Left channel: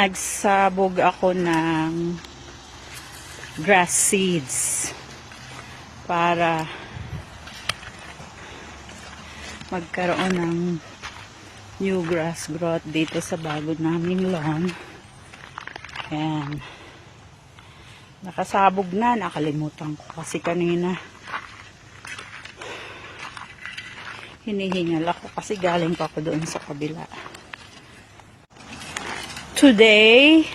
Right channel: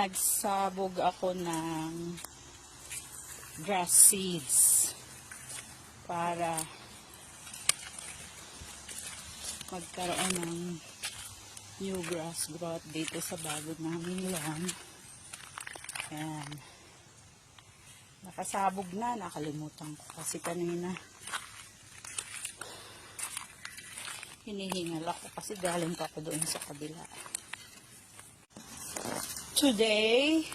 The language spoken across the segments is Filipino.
nagsabog ako ng grass seeds para magkaroon ng new grass growth dito sa bago naming lawn. Ayan. Nakasabog na. Nakalimutan ko kasi kanina. Hinihingal ako kasi galing pa ako doon sa kabila. Today,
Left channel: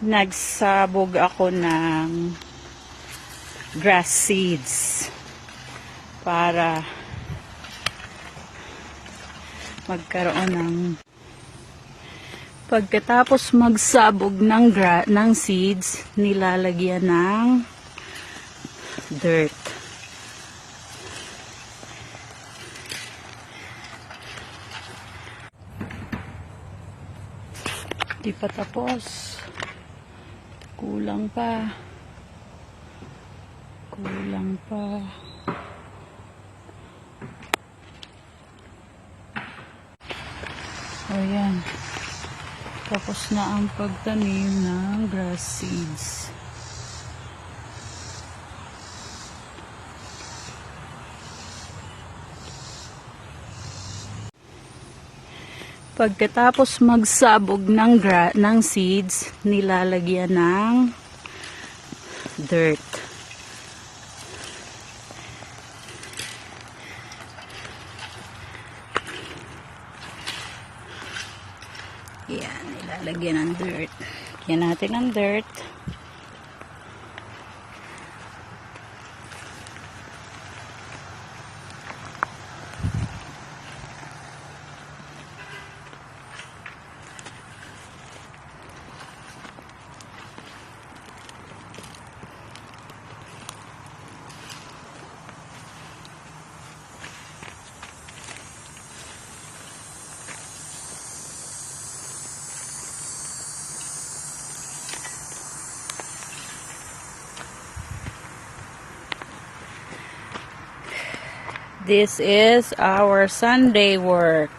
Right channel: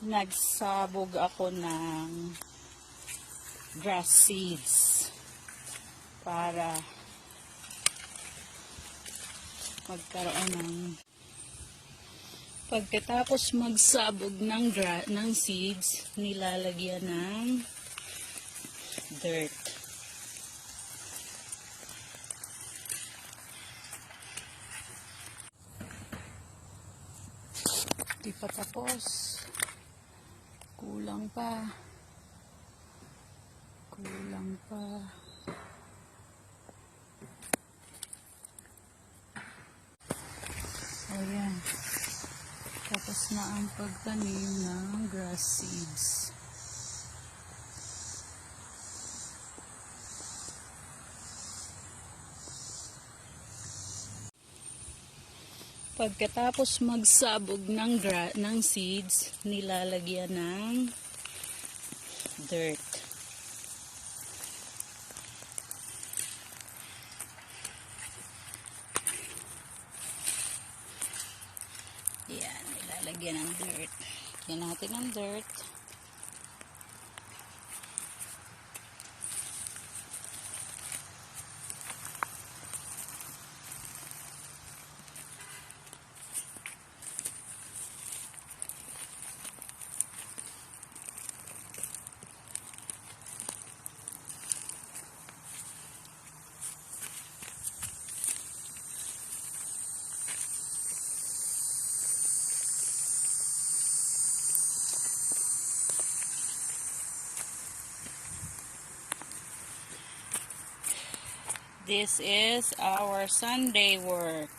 nagsabog ako ng grass seeds para magkaroon ng pagkatapos magsabog ng seeds, nilalagyan ng dirt. Di pa tapos. Kulang pa. Kulang pa. Ayan. Tapos na ang pagtanim ng grass seeds. Pagkatapos magsabog ng seeds, nilalagyan ng dirt. Yan, nilalagyan ng dirt. Lagyan natin ng dirt. This is our Sunday work.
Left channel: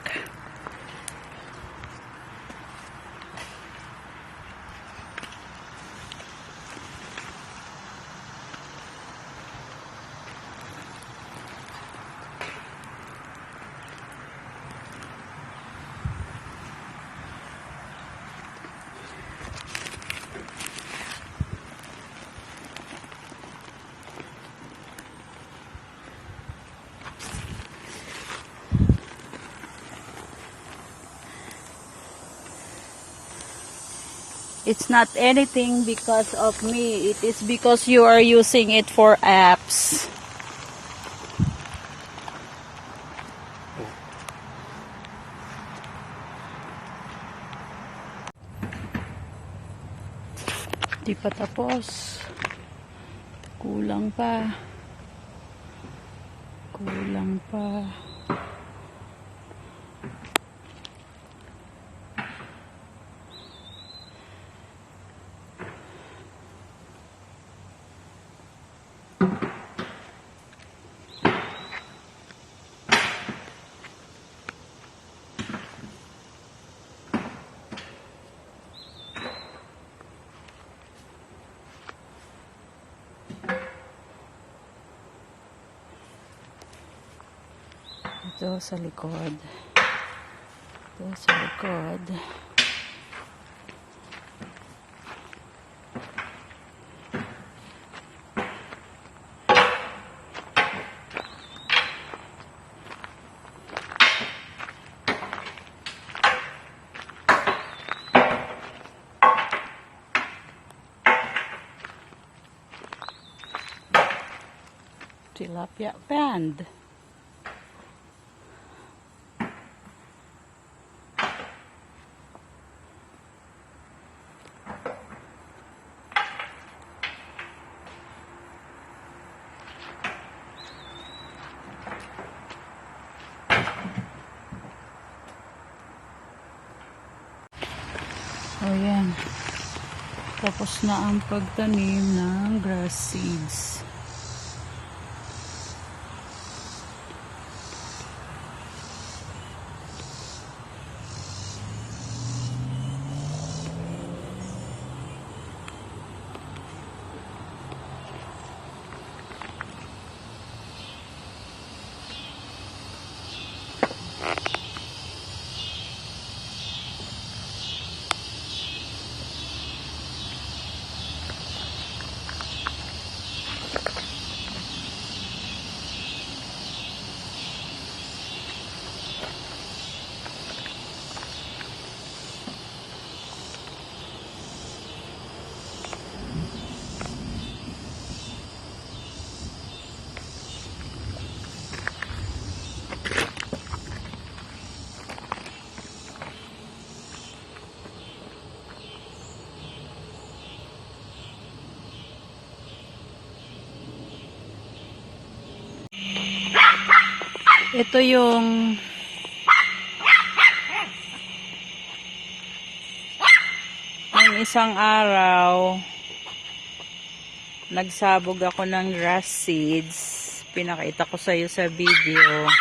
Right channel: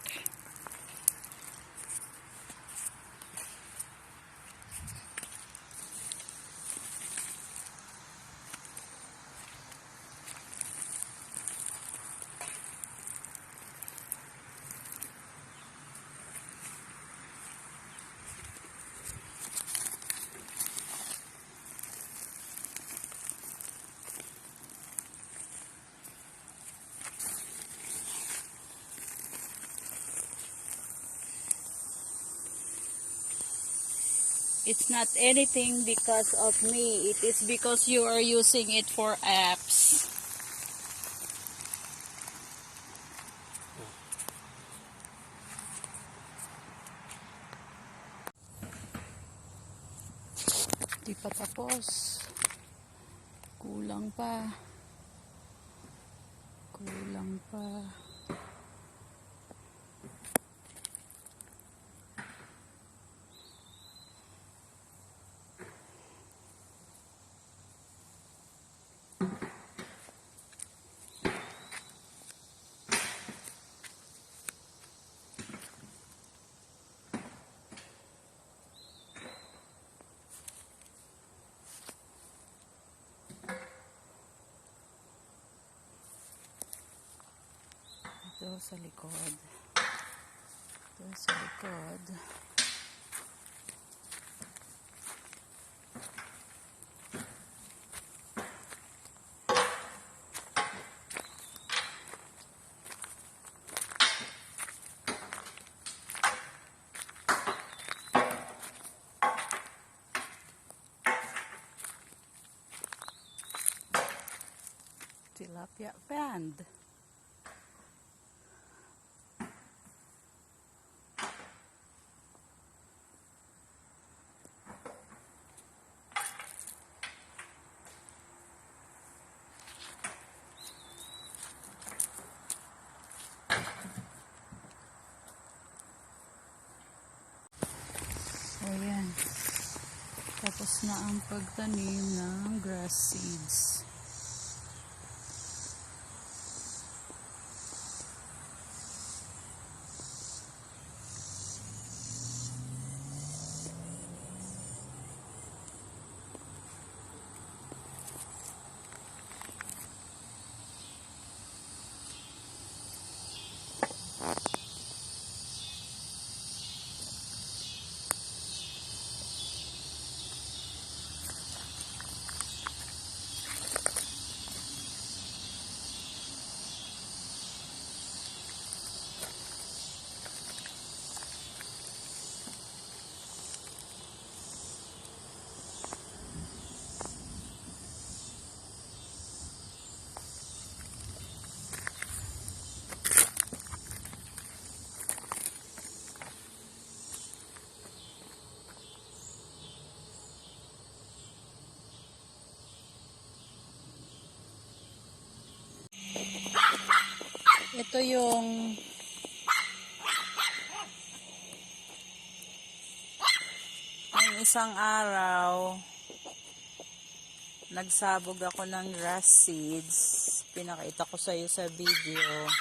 It's not anything because of me. It is because you are using it for apps. Di pa tapos. Kulang pa. Kulang pa. Ito sa likod. Ito sa likod. Tilapia band. Ayan. Tapos na ang pagtanim ng grass seeds. Ito yung isang araw nagsabog ako ng grass seeds. Pinakita ko sa iyo sa video.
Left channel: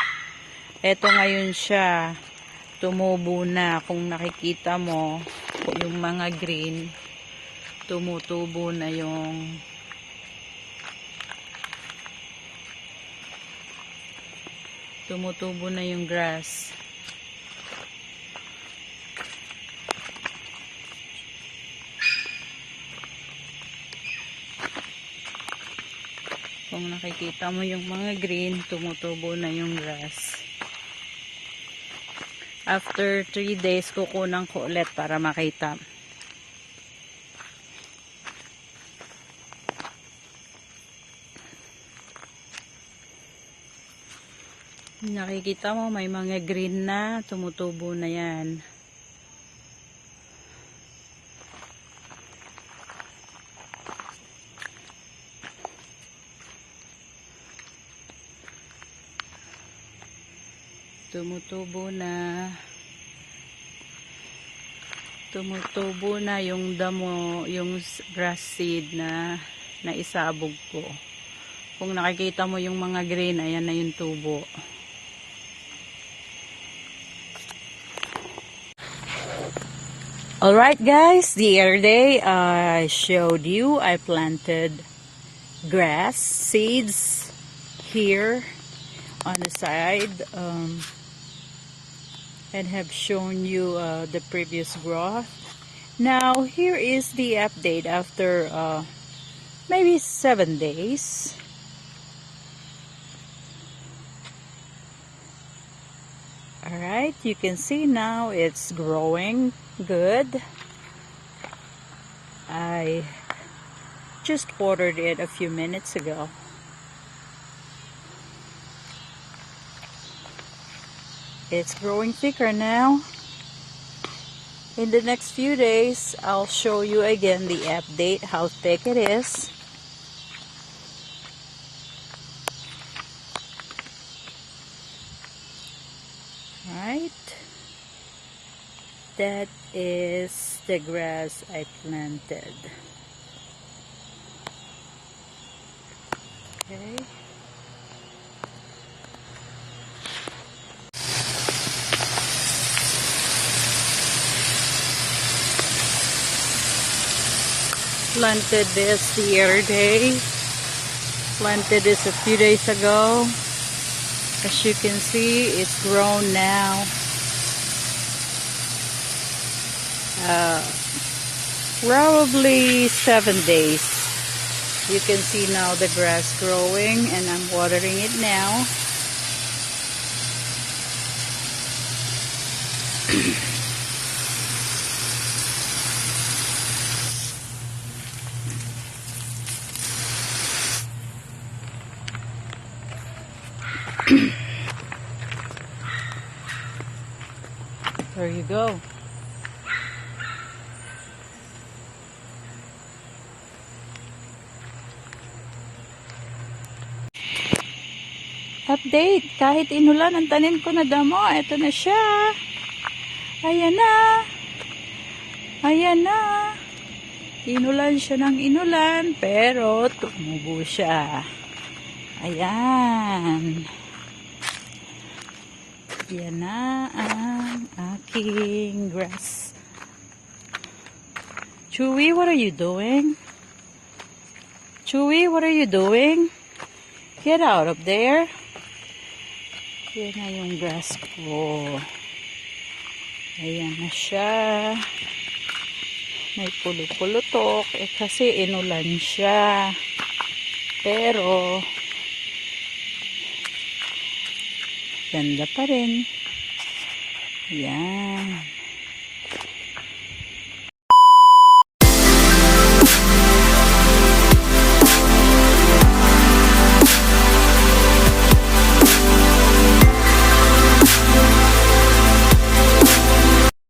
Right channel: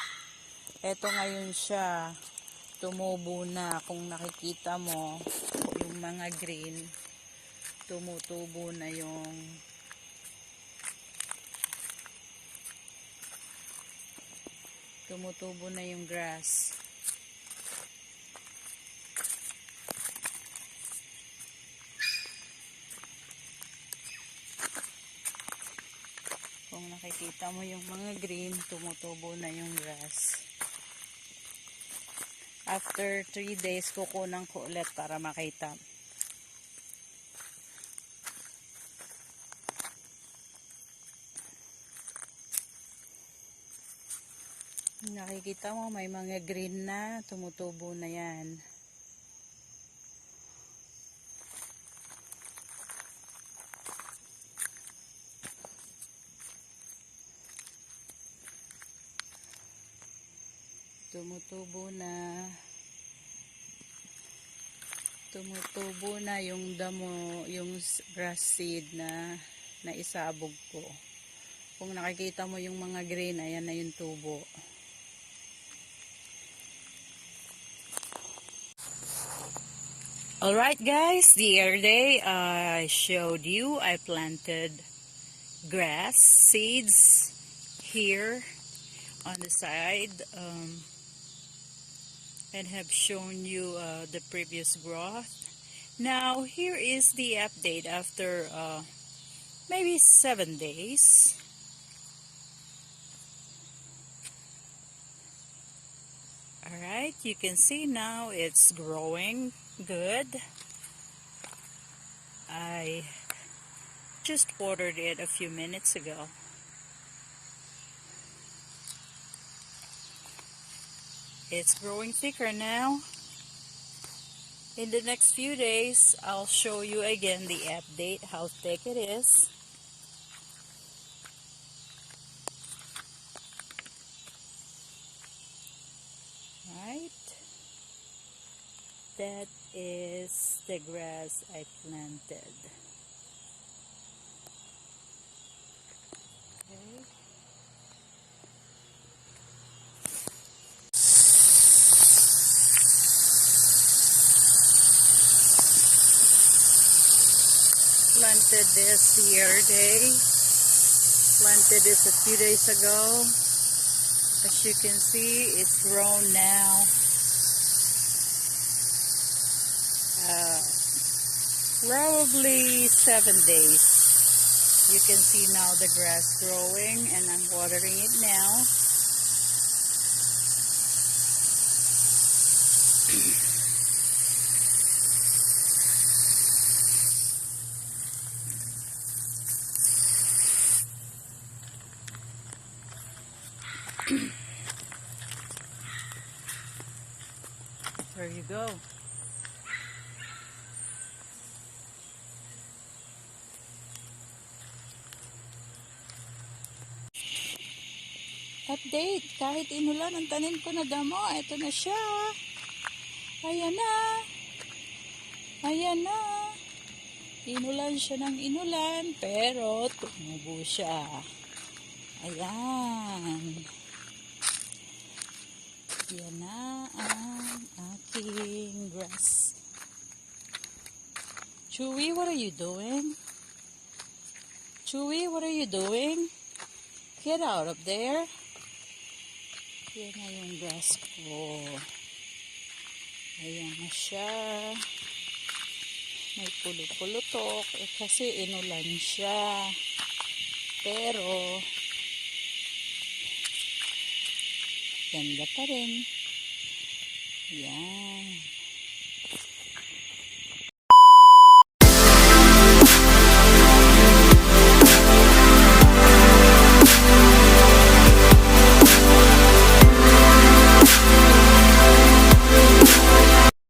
Ito ngayon siya. Tumubo na. Kung nakikita mo, yung mga green, tumutubo na yung grass. Kung nakikita mo yung mga green, tumutubo na yung grass. After 3 days, kukunan ko ulit para makita. Nakikita mo, may mga green na, tumutubo na yan. Tumutubo na yung damo, yung grass seed na naisabog ko. Kung nakikita mo yung mga green, ayan na yung tubo. Alright guys, the other day I showed you I planted grass seeds here on the side and have shown you the previous growth. Now here is the update after maybe 7 days. Alright, you can see now it's growing good. I just watered it a few minutes ago. It's growing thicker now. In the next few days, I'll show you again the update, how thick it is. Right. That is the grass I planted. Okay. Planted this the other day. Planted this a few days ago. As you can see, it's grown now. Probably 7 days. You can see now the grass growing, and I'm watering it now. There you go. Update, kahit inulan ang tanim ko na damo, eto na siya. Ayan na. Ayan na. Inulan siya ng inulan, pero tumubo siya. Ayan. Yan na ang aking grass. Chewy, what are you doing? Chewy, what are you doing? Get out of there. Yan na yung grass ko. Ayan na siya. May pulupulutok. Kasi inulan siya. Pero ganda pa rin. Yan.